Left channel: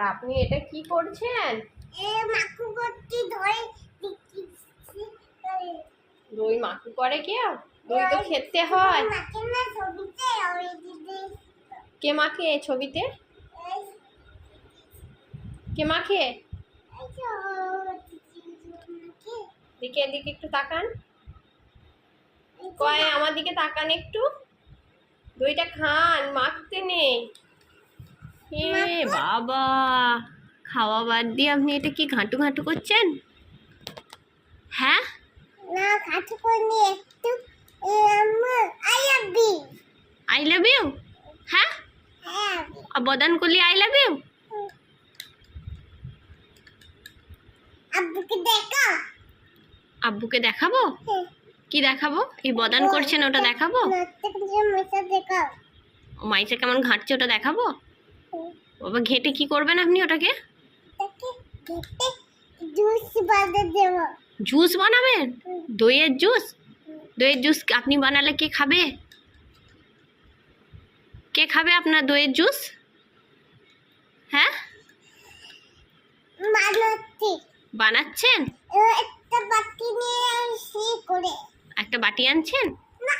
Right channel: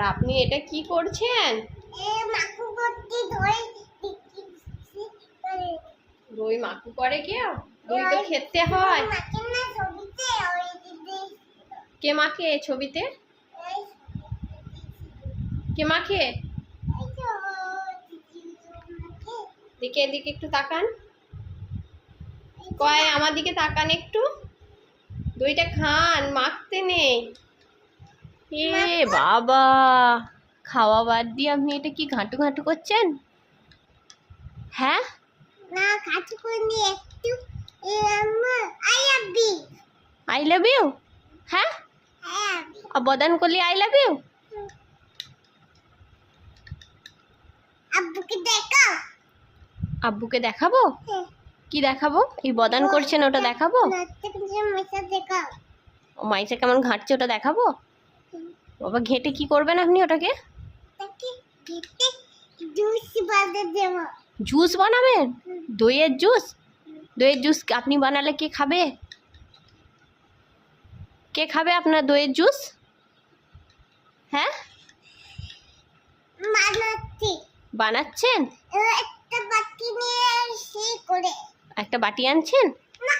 আর আপনি এটা কি করছেন? দই মাখু করে কেউ? দই তো খেতে হয়। কে মাখে ছবিতে? কে মাখে? দিকে এদিকে একটু তাকান। কয় আমার দিকে তাকান একটু। দইটা খান, মাখতে নেই। এ বাবা, খাওয়া বাদ দিয়ে আপনি এটা কি ঘাঁটু ঘাঁটু করছেন? হ্যাঁ না, ঘাঁটু করিনি, একটু আই লাভ ইউ। হ্যাঁ, আর বদান করলি আই লাভ ইউ। আব্বুকে দেখা। আব্বুকে দেখাবো? কি দেখাবো? এই বদান করছেন ওটা দেখাবো? দেখা। ও মাইসে কেমন ঘাঁটছে ওটা দেখাবো? বাবা ঘেঁটে কি করবেন আপনি ওটাকে? জুস বানাতে দেব। জুস বানাবেন? দইয়ের জুস? দইয়ের জুস আপনি বানালে কে খাবে? কে খাবে আপনার দইয়ের জুস? হ্যাঁ, বানাচ্ছি। বানাচ্ছেন? একটা বাটি নিয়ে এসে করে। একটা বাটি আনছেন? না,